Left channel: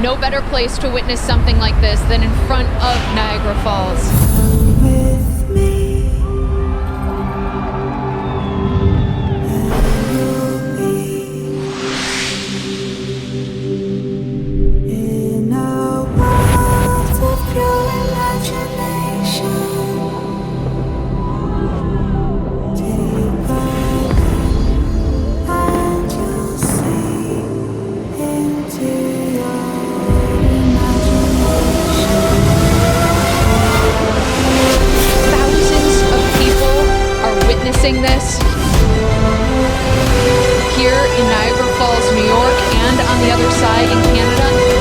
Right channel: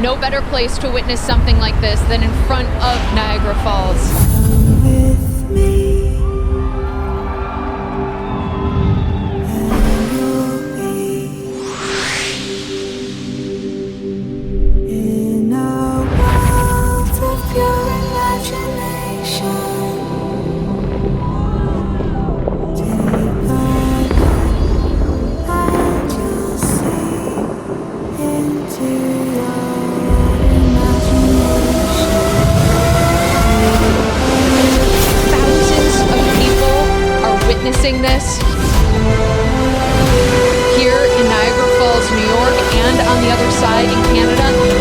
No better place to witness something like this than in front of Niagara Falls. Come with me, and you'll be in a world of pure imagination. Take a look, and you'll see into your imagination. Thousands of people are witnessing this here in Niagara Falls, New York, and on the other side in Canada.